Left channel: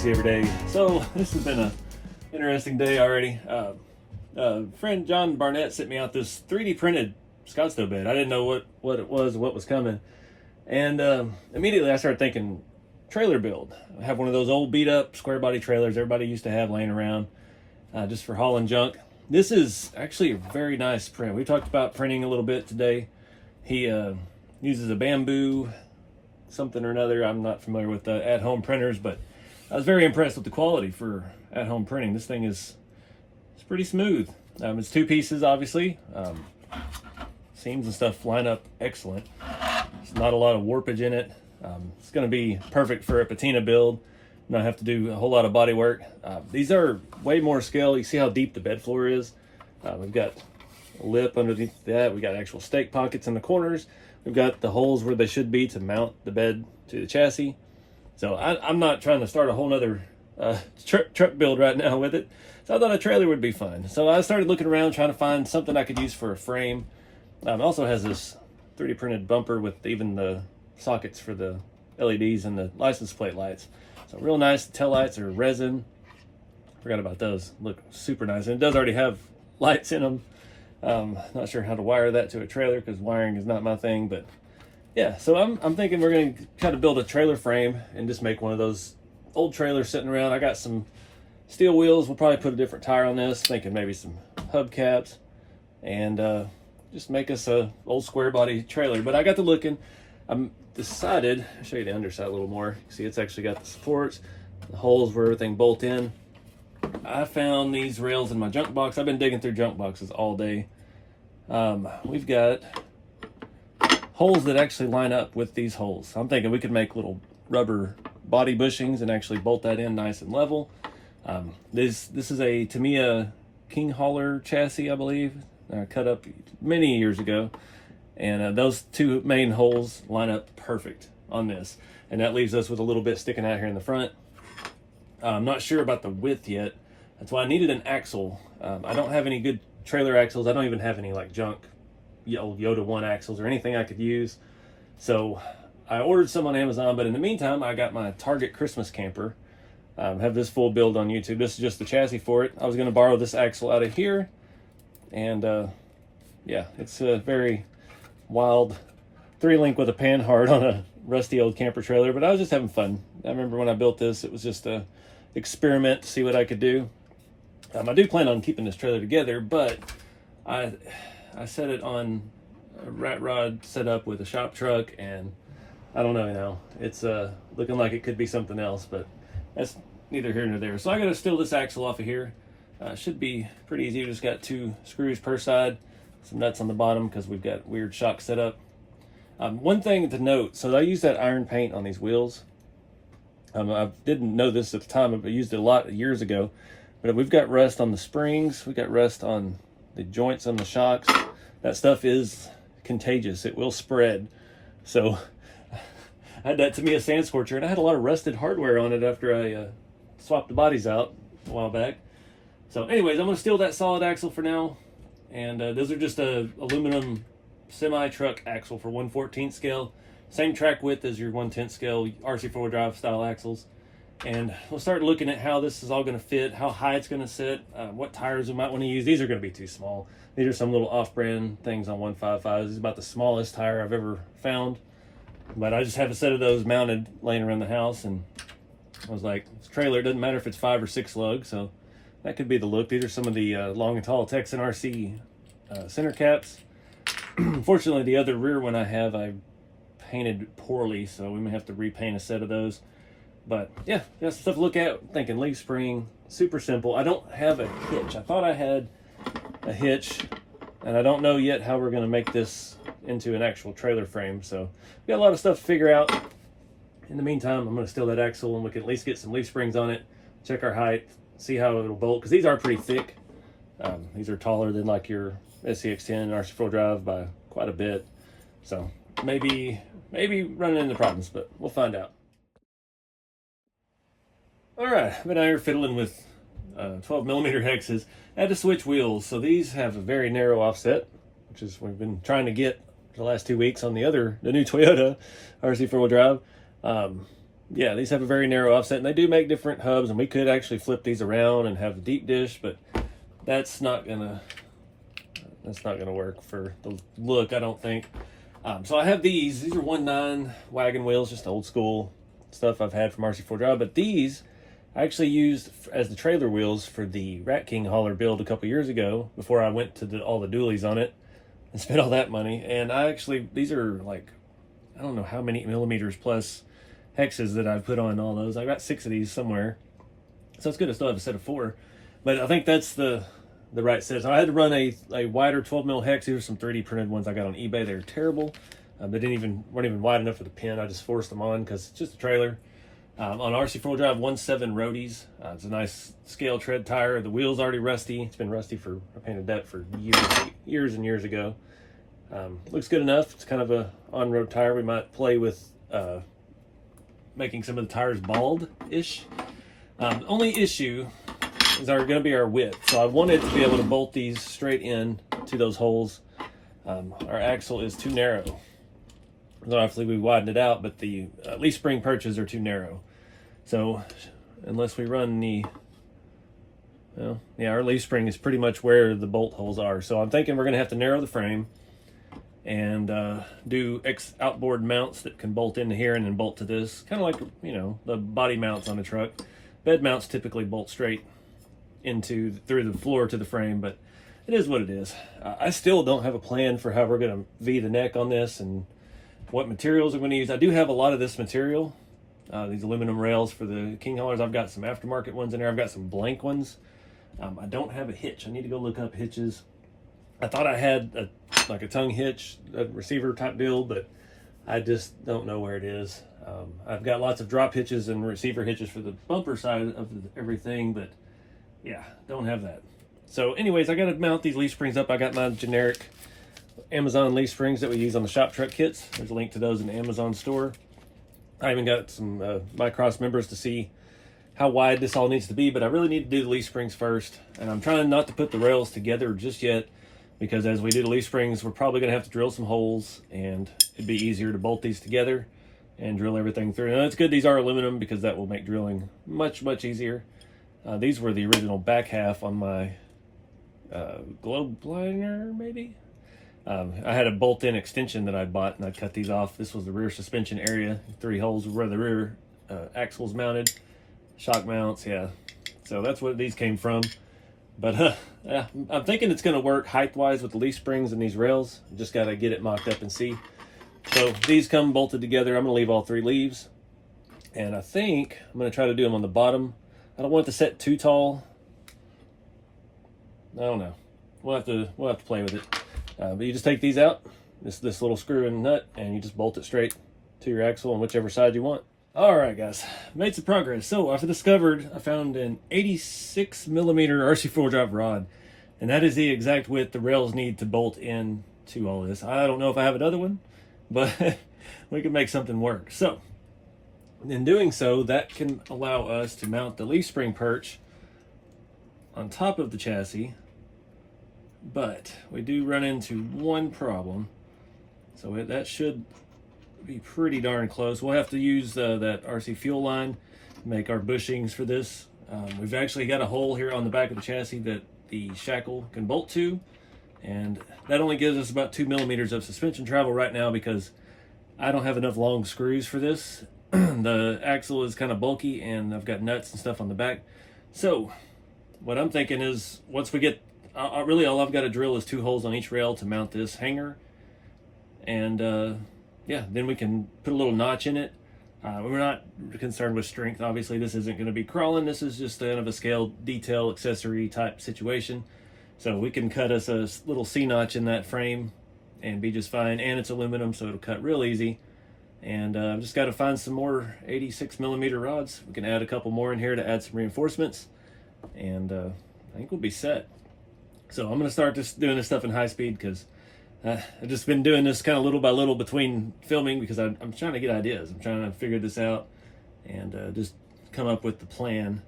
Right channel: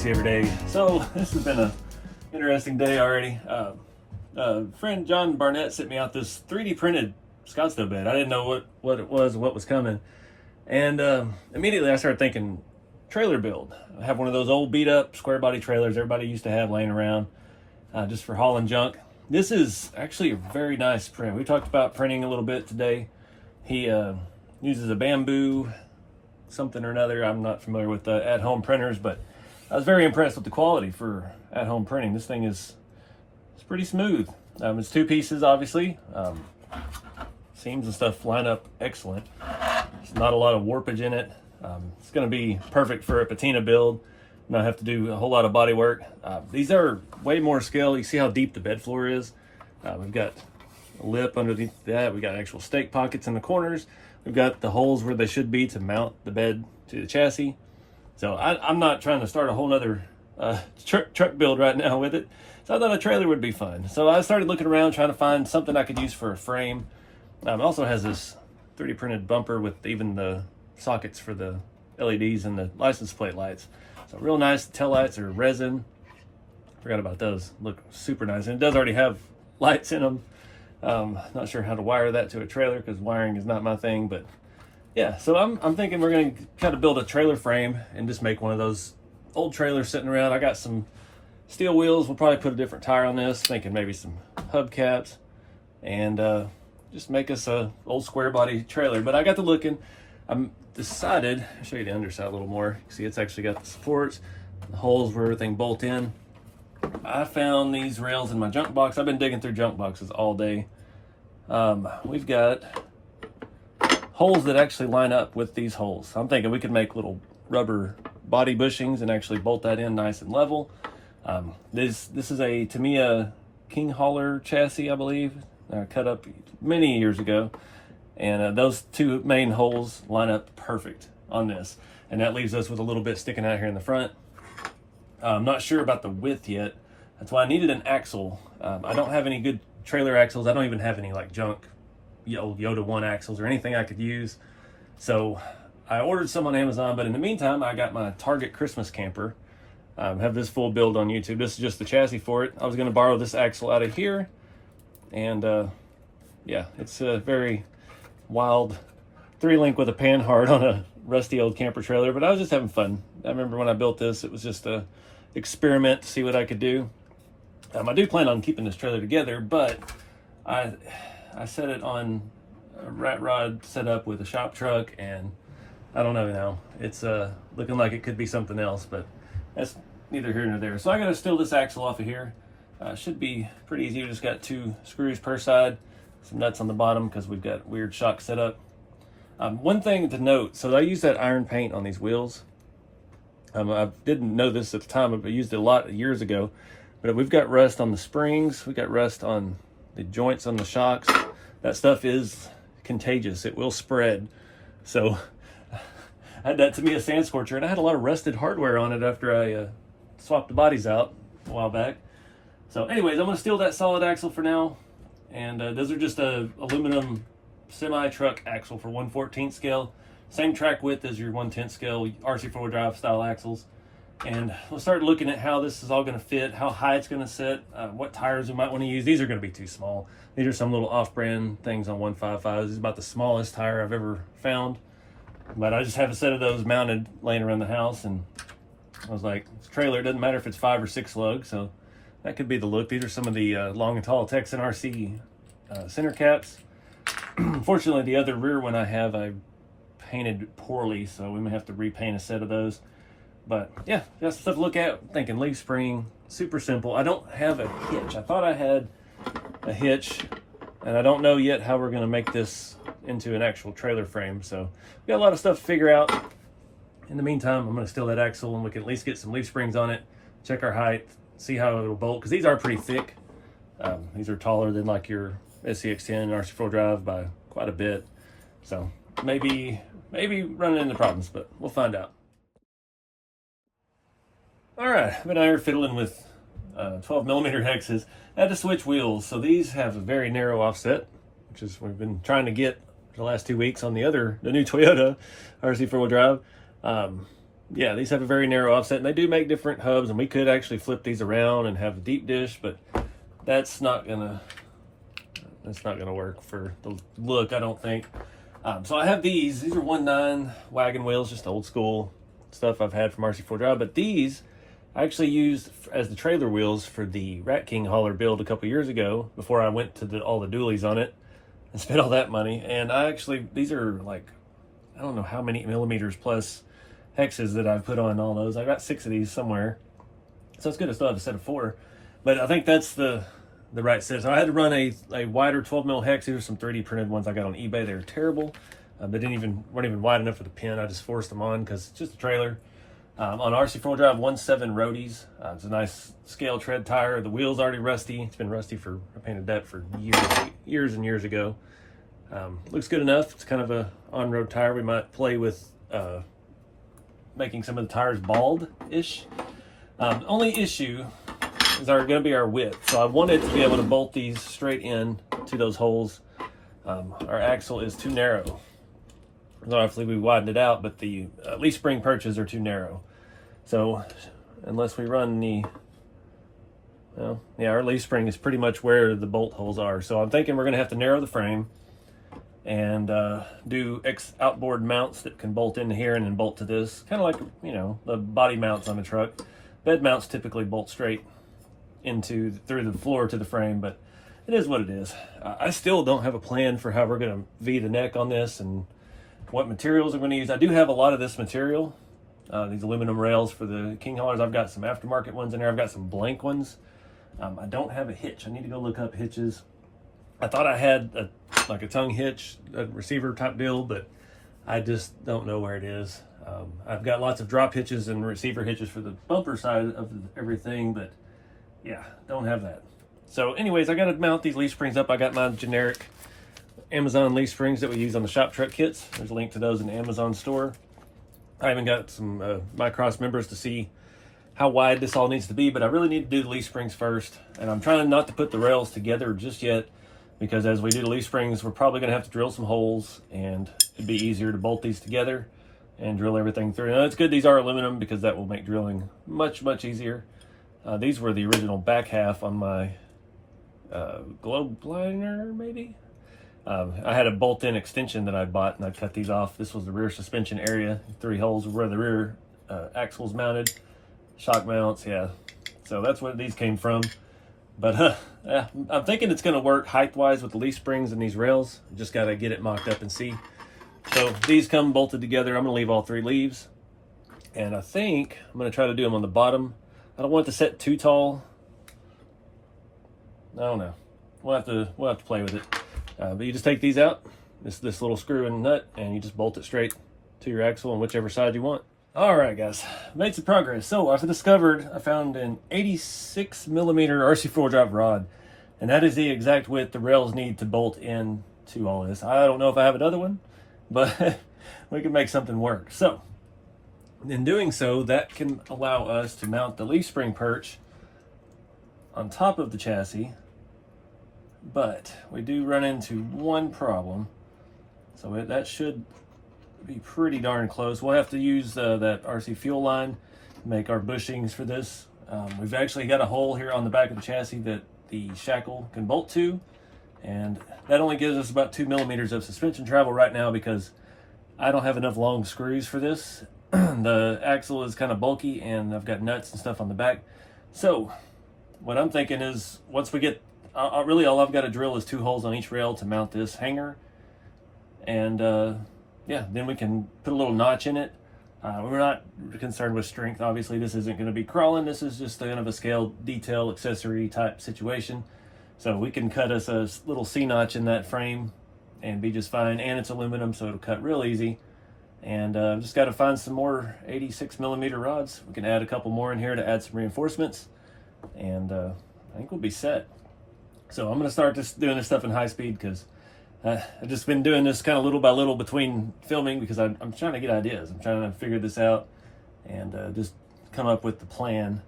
ScaleRC every day. So this has been an interesting day already. Friend John Barnett sent me out this 3D printed Scottsdale bed. I didn't know what it was, what was coming. And immediately I started thinking trailer build. I have one of those old beat up Squarebody trailers everybody used to have laying around just for hauling junk. This is actually a very nice print. We talked about printing a little bit today. He uses a bamboo something or another. I'm not familiar with the at-home printers, but I was very impressed with the quality for at-home printing. This thing it's pretty smooth. It's two pieces, obviously. Seams and stuff line up excellent. There's not a lot of warpage in it. It's going to be perfect for a patina build. Not have to do a whole lot of body work. These are way more scale. You see how deep the bed floor is. We've got a lip underneath that. We've got actual stake pockets in the corners. We've got the holes where they should be to mount the bed to the chassis. So I'm not trying to start a whole nother truck build right now with it. So I thought a trailer would be fun. So I started looking around trying to find something I could use for a frame. It also has this 3D printed bumper with even the sockets for the LEDs and the license plate lights. So real nice. Tail lights are resin. Forgot about those. Look super nice. And it does already have lights in them. Not sure how to wire that to a trailer because wiring is not my thing, but yeah. So I'm thinking we're going to kind of build a trailer frame and just make one of those old trailers sitting around. I got some steel wheels. We'll probably put a different tire on this. Thinking maybe some hubcaps and just make us a old square body trailer. But I got to looking. I'm decided. I'll show you the underside a little more. See, it's actually got the supports, the holes where everything bolt in. I found these rails in my junk box. I've been digging through junk boxes all day. We've got holes that actually line up with these holes. I'm thinking we could make little rubber body bushings and actually bolt that in nice and level. This is a Tamiya King Hauler chassis, I believe, cut up many years ago. And those two main holes line up perfect on this. And that leaves us with a little bit sticking out here in the front. I'm not sure about the width yet. That's why I needed an axle. I don't have any good trailer axles. I don't even have any like junk old Yoda 1 axles or anything I could use. So I ordered some on Amazon, but in the meantime, I got my Target Christmas camper. Have this full build on YouTube. This is just the chassis for it. I was gonna borrow this axle out of here. And yeah, it's a very wild 3-link with a panhard on a rusty old camper trailer, but I was just having fun. I remember when I built this, it was just a experiment to see what I could do. I do plan on keeping this trailer together, but I set it on a rat rod set up with a shop truck, and I don't know now. It's looking like it could be something else, but that's neither here nor there. So I gotta steal this axle off of here. Should be pretty easy. We just got 2 screws per side, some nuts on the bottom because we've got weird shock set up. One thing to note, so I use that iron paint on these wheels. I didn't know this at the time, but I used it a lot years ago. But we've got rust on the springs, we got rust on the joints on the shocks. That stuff is contagious. It will spread. So I had that Tamiya sand scorcher, and I had a lot of rusted hardware on it after I swapped the bodies out a while back. So anyways, I'm gonna steal that solid axle for now. And those are just a aluminum semi-truck axle for 1/14 scale. Same track width as your 1/10 scale RC 4-wheel drive style axles. And we'll start looking at how this is all going to fit, how high it's going to sit, what tires we might want to use. These are going to be too small. These are some little off-brand things on 155s. This is about the smallest tire I've ever found. But I just have a set of those mounted laying around the house, and I was like, this trailer, it doesn't matter if it's 5 or 6 lug, so that could be the look. These are some of the long and tall Texan RC center caps. Unfortunately, the other rear one I painted poorly, so we may have to repaint a set of those. But yeah, just stuff to look at. Thinking leaf spring, super simple. I don't have a hitch. I thought I had a hitch, and I don't know yet how we're going to make this into an actual trailer frame. So we got a lot of stuff to figure out. In the meantime, I'm going to steal that axle, and we can at least get some leaf springs on it, check our height, see how it'll bolt, because these are pretty thick. These are taller than like your SCX10 RC4 drive by quite a bit. So maybe running into problems, but we'll find out. All right, I've been out here fiddling with 12mm hexes. I had to switch wheels, so these have a very narrow offset, which is what we've been trying to get the last 2 weeks on the new Toyota RC 4-wheel drive. yeah, these have a very narrow offset, and they do make different hubs, and we could actually flip these around and have a deep dish, but that's not gonna work for the look, I don't think. So I have these are 1/9 wagon wheels, just old school stuff I've had from RC4 Drive, but these I actually used as the trailer wheels for the Rat King hauler build a couple years ago, before I went to all the dualies on it and spent all that money. And these are like, I don't know how many millimeters plus hexes that I put on all those. I got 6 of these somewhere, so it's good to still have a set of 4, but I think that's the right set. So I had to run a wider 12 mil hex. These are some 3D printed ones I got on eBay. They were terrible. They weren't even wide enough for the pin. I just forced them on because it's just a trailer. On RC4 Drive 1.7 Roadies. It's a nice scale tread tire. The wheel's already rusty. It's been rusty I painted that for years and years ago. Looks good enough. It's kind of a on-road tire. We might play with making some of the tires bald-ish. Only issue is going to be our width. So I wanted to be able to bolt these straight in to those holes. Our axle is too narrow. So obviously we widened it out, but the leaf spring perches are too narrow. So unless we run our leaf spring is pretty much where the bolt holes are. So I'm thinking we're going to have to narrow the frame and do outboard mounts that can bolt into here and then bolt to this. Kind of like, the body mounts on the truck. Bed mounts typically bolt straight through the floor to the frame, but it is what it is. I still don't have a plan for how we're going to V the neck on this and what materials I'm going to use. I do have a lot of this material, these aluminum rails for the King haulers. I've got some aftermarket ones in there. I've got some blank ones. I don't have a hitch. I need to go look up hitches. I thought I had a tongue hitch, a receiver type deal, but I just don't know where it is. I've got lots of drop hitches and receiver hitches for the bumper side of everything, but yeah, don't have that. So anyways, I got to mount these leaf springs up. I got my generic Amazon leaf springs that we use on the shop truck kits. There's a link to those in the Amazon store. I even got some Micross members to see how wide this all needs to be, but I really need to do the leaf springs first. And I'm trying not to put the rails together just yet, because as we do the leaf springs, we're probably going to have to drill some holes, and it'd be easier to bolt these together and drill everything through. Now it's good these are aluminum, because that will make drilling much, much easier. These were the original back half on my globe liner, maybe? I had a bolt-in extension that I bought, and I cut these off. This was the rear suspension area. 3 holes where the rear axle's mounted. Shock mounts, yeah. So that's what these came from. But yeah, I'm thinking it's going to work height-wise with the leaf springs and these rails. Just got to get it mocked up and see. So these come bolted together. I'm going to leave all 3 leaves. And I think I'm going to try to do them on the bottom. I don't want it to set too tall. I don't know. We'll have to play with it. But you just take these out, this little screw and nut, and you just bolt it straight to your axle on whichever side you want. All right, guys, made some progress. So I found an 86 millimeter RC4 Drive rod, and that is the exact width the rails need to bolt in to all this. I don't know if I have another one, but we can make something work. So in doing so, that can allow us to mount the leaf spring perch on top of the chassis. But we do run into one problem. So that should be pretty darn close. We'll have to use that RC fuel line to make our bushings for this. We've actually got a hole here on the back of the chassis that the shackle can bolt to, and that only gives us about 2 millimeters of suspension travel right now, because I don't have enough long screws for this. The axle is kind of bulky, and I've got nuts and stuff on the back. So what I'm thinking is, once we get really all I've got to drill is 2 holes on each rail to mount this hanger, and yeah, then we can put a little notch in it. We're not concerned with strength. Obviously, this isn't going to be crawling. This is just kind of a scale detail accessory type situation. So we can cut us a little C-notch in that frame and be just fine. And it's aluminum, so it'll cut real easy. And just got to find some more 86 millimeter rods. We can add a couple more in here to add some reinforcements, and I think we'll be set. So I'm going to start doing this stuff in high speed, because I've just been doing this kind of little by little between filming, because I'm trying to get ideas. I'm trying to figure this out and just come up with the plan.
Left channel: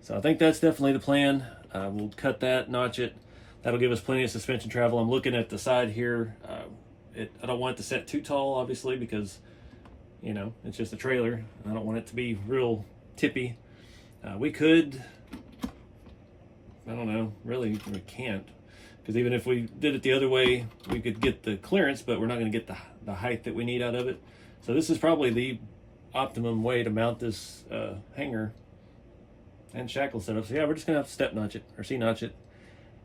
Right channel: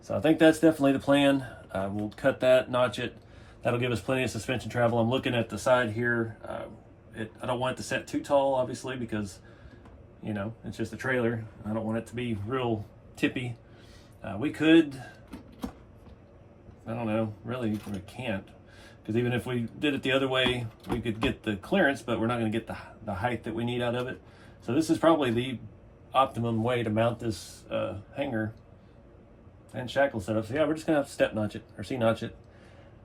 So I think that's definitely the plan. We'll cut that, notch it. That'll give us plenty of suspension travel. I'm looking at the side here. I don't want it to set too tall, obviously, because you know, it's just a trailer. I don't want it to be real tippy. We could, I don't know, really we can't, because even if we did it the other way, we could get the clearance, but we're not going to get the height that we need out of it. So this is probably the optimum way to mount this hanger and shackle setup. So yeah, we're just gonna have to step notch it or C-notch it.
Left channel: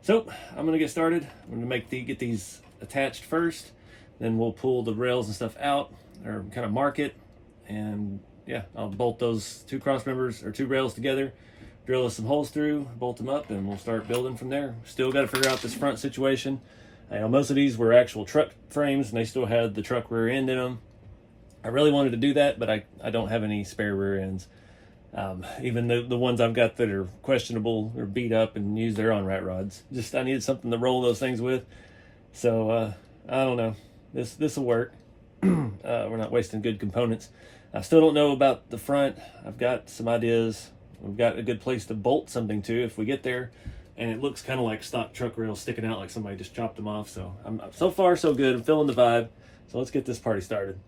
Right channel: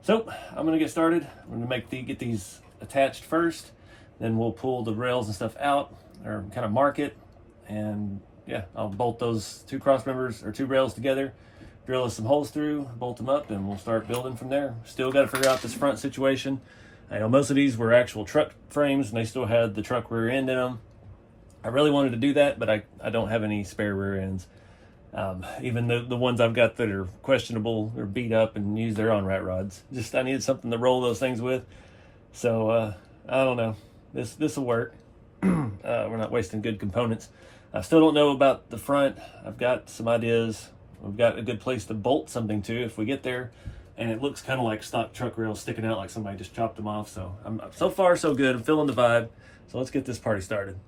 So I'm gonna get started. I'm gonna get these attached first, then we'll pull the rails and stuff out, or kind of mark it, and yeah, I'll bolt those two cross members or two rails together, drill some holes through, bolt them up, and we'll start building from there. Still got to figure out this front situation. I know most of these were actual truck frames, and they still had the truck rear end in them. I really wanted to do that, but I don't have any spare rear ends. Even the ones I've got that are questionable or beat up and used, they're on rat rods. Just I needed something to roll those things with. So I don't know. This will work. We're not wasting good components. I still don't know about the front. I've got some ideas. We've got a good place to bolt something to if we get there. And it looks kind of like stock truck rails sticking out like somebody just chopped them off. So so far so good. I'm feeling the vibe. So let's get this party started.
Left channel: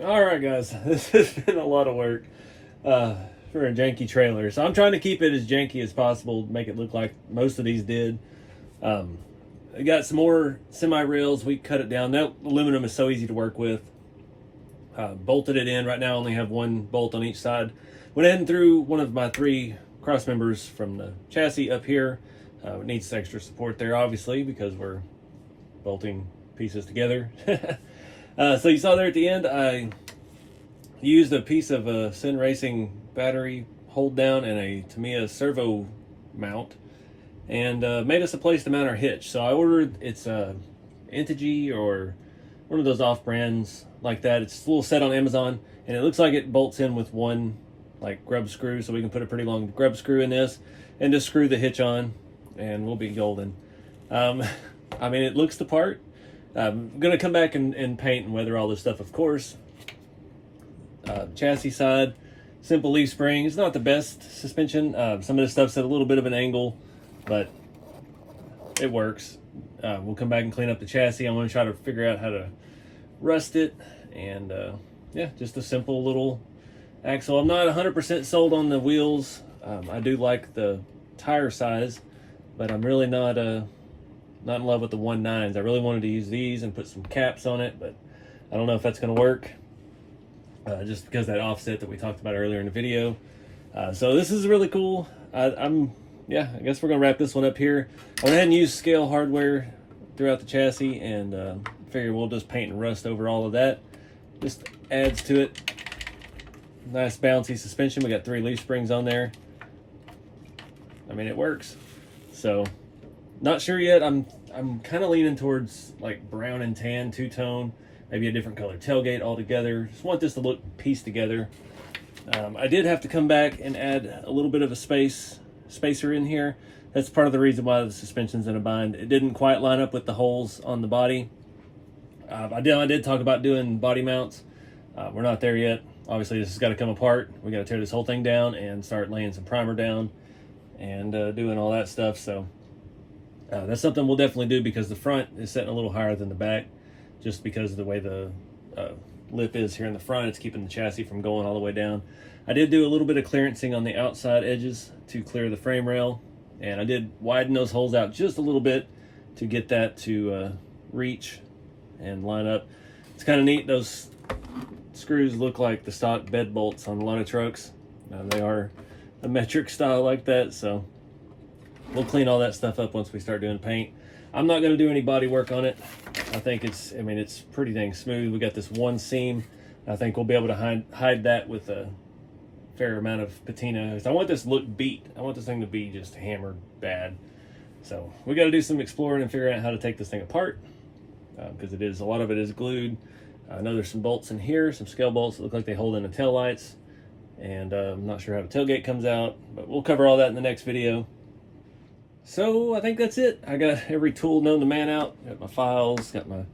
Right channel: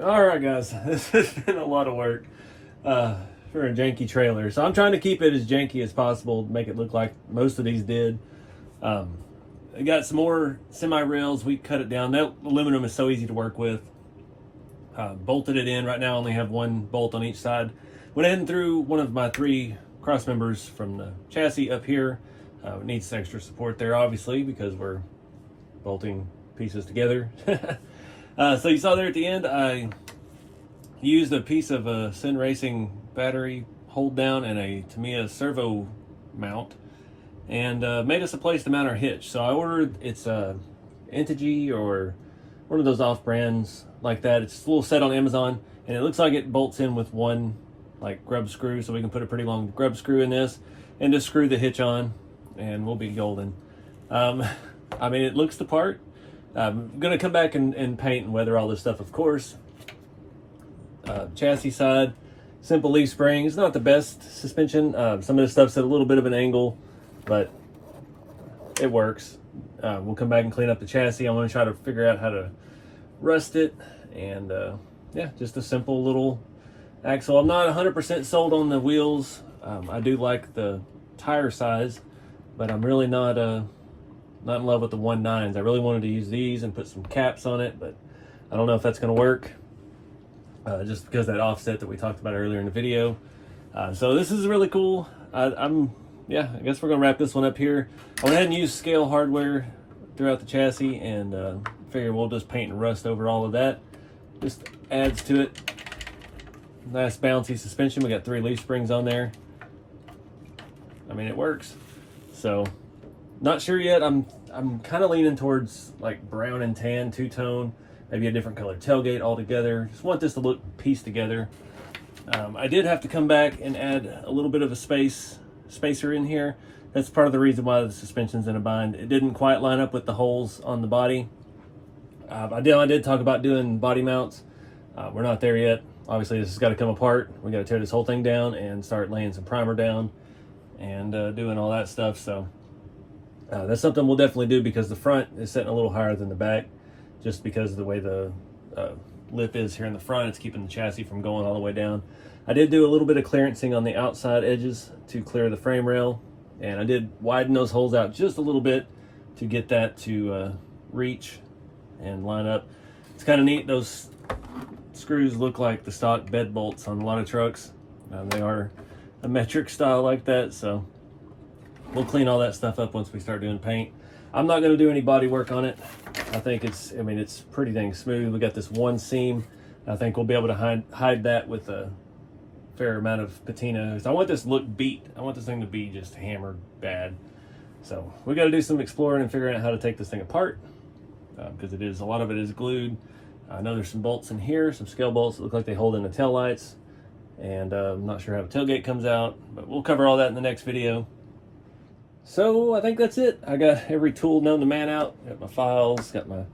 Alright guys, this has been a lot of work for a janky trailer. So I'm trying to keep it as janky as possible, make it look like most of these did. I got some more semi-rails, we cut it down. That aluminum is so easy to work with. Bolted it in, right now I only have one bolt on each side. Went ahead and threw one of my 3 cross members from the chassis up here. It needs extra support there obviously because we're bolting pieces together. So you saw there at the end, I used a piece of a Sin Racing battery hold down and a Tamiya servo mount, and made us a place to mount our hitch. So I ordered, it's Entity or one of those off brands like that. It's a little set on Amazon, and it looks like it bolts in with one like grub screw, so we can put a pretty long grub screw in this and just screw the hitch on, and we'll be golden. I mean, it looks the part. I'm gonna come back and paint and weather all this stuff, of course. Chassis side, simple leaf spring. It's not the best suspension. Some of the stuff's at a little bit of an angle, but it works. We'll come back and clean up the chassis. I'm gonna try to figure out how to rust it, and yeah, just a simple little axle. I'm not 100% sold on the wheels. I do like the tire size, but I'm really not in love with the 1.9s. I really wanted to use these and put some caps on it, but I don't know if that's going to work, just because of that offset that we talked about earlier in the video. So this is really cool. Yeah, I guess we're going to wrap this one up here. I went ahead and used Scale hardware throughout the chassis, and figure we'll just paint and rust over all of that. Just adds to it. Nice bouncy suspension. We got 3 leaf springs on there. I mean, it works. So not sure yet. I'm kind of leaning towards like brown and tan, two-tone, maybe a different color tailgate altogether. Just want this to look pieced together. I did have to come back and add a little bit of a spacer in here. That's part of the reason why the suspension's in a bind. It didn't quite line up with the holes on the body. I did talk about doing body mounts. We're not there yet. Obviously, this has got to come apart. We got to tear this whole thing down and start laying some primer down and doing all that stuff. So that's something we'll definitely do, because the front is setting a little higher than the back, just because of the way the lip is here in the front. It's keeping the chassis from going all the way down. I did do a little bit of clearancing on the outside edges to clear the frame rail, and I did widen those holes out just a little bit to get that to reach and line up. It's kind of neat. Those screws look like the stock bed bolts on a lot of trucks. They are a metric style like that, so we'll clean all that stuff up once we start doing paint. I'm not going to do any body work on it. I think it's pretty dang smooth. We got this one seam. I think we'll be able to hide that with a fair amount of patina. I want this to look beat. I want this thing to be just hammered bad. So we got to do some exploring and figuring out how to take this thing apart, because a lot of it is glued. I know there's some bolts in here, some scale bolts that look like they hold in the tail lights, and I'm not sure how the tailgate comes out, but we'll cover all that in the next video. So I think that's it. I got every tool known to man out. Got my files, got my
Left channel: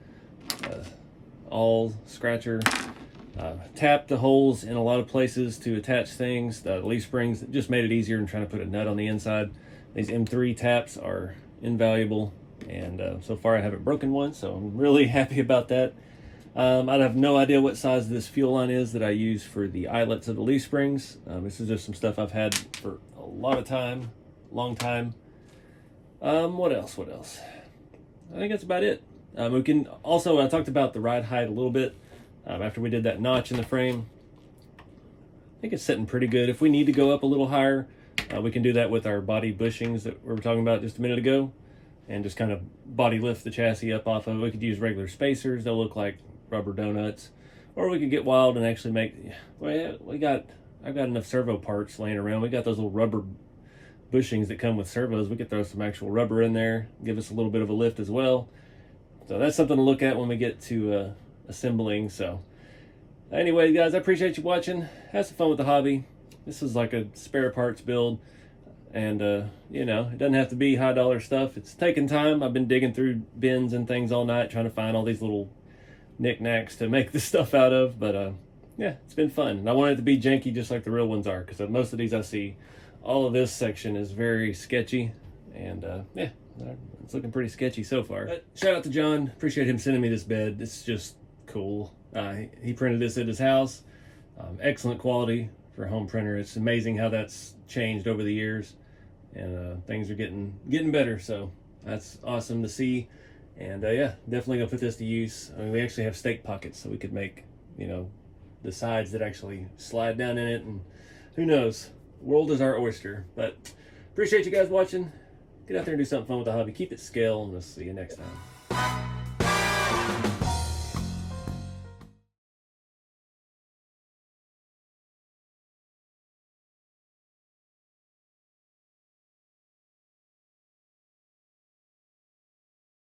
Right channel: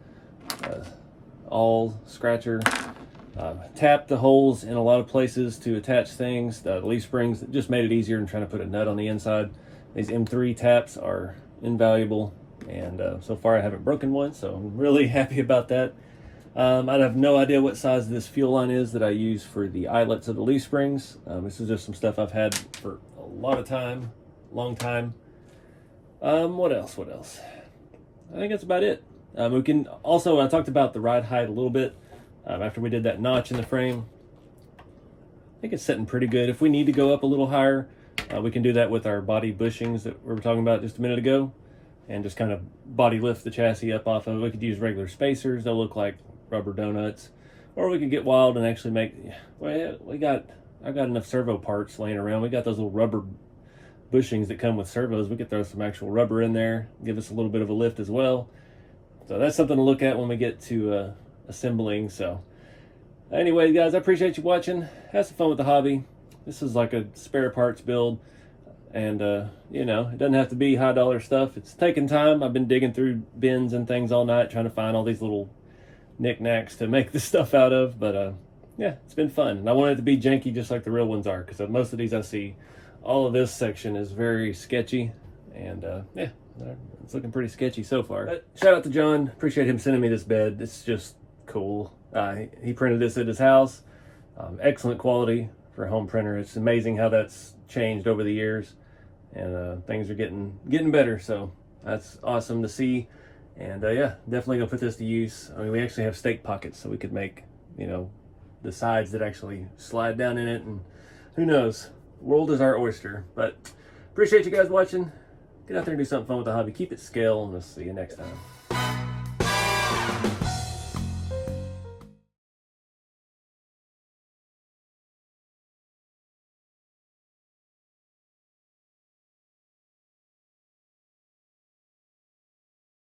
awl scratcher. Tapped the holes in a lot of places to attach things. The leaf springs just made it easier than trying to put a nut on the inside. These M3 taps are invaluable, and so far I haven't broken one, so I'm really happy about that. I have no idea what size this fuel line is that I use for the eyelets of the leaf springs. This is just some stuff I've had for a long time. What else? I think that's about it. We can also, I talked about the ride height a little bit after we did that notch in the frame. I think it's sitting pretty good. If we need to go up a little higher, we can do that with our body bushings that we were talking about just a minute ago, and just kind of body lift the chassis up off of it. We could use regular spacers. They'll look like rubber donuts, or we could get wild and actually make, well, I've got enough servo parts laying around. We got those little rubber bushings that come with servos. We could throw some actual rubber in there, give us a little bit of a lift as well. So that's something to look at when we get to assembling. So anyway, guys, I appreciate you watching. Have some fun with the hobby. This is like a spare parts build, and you know, it doesn't have to be high dollar stuff. It's taking time. I've been digging through bins and things all night trying to find all these little knickknacks to make this stuff out of, but yeah, it's been fun, and I want it to be janky just like the real ones are, because most of these I see, all of this section is very sketchy, and yeah, it's looking pretty sketchy so far. But shout out to John. Appreciate him sending me this bed. It's just cool. He printed this at his house. Excellent quality for a home printer. It's amazing how that's changed over the years, and things are getting better, so that's awesome to see. And yeah, definitely gonna put this to use. I mean, we actually have stake pockets, so we could make, you know, the sides that actually slide down in it, and who knows, world is our oyster. But appreciate you guys watching. Get out there and do something fun with the hobby. Keep it scale, and we'll see you next time.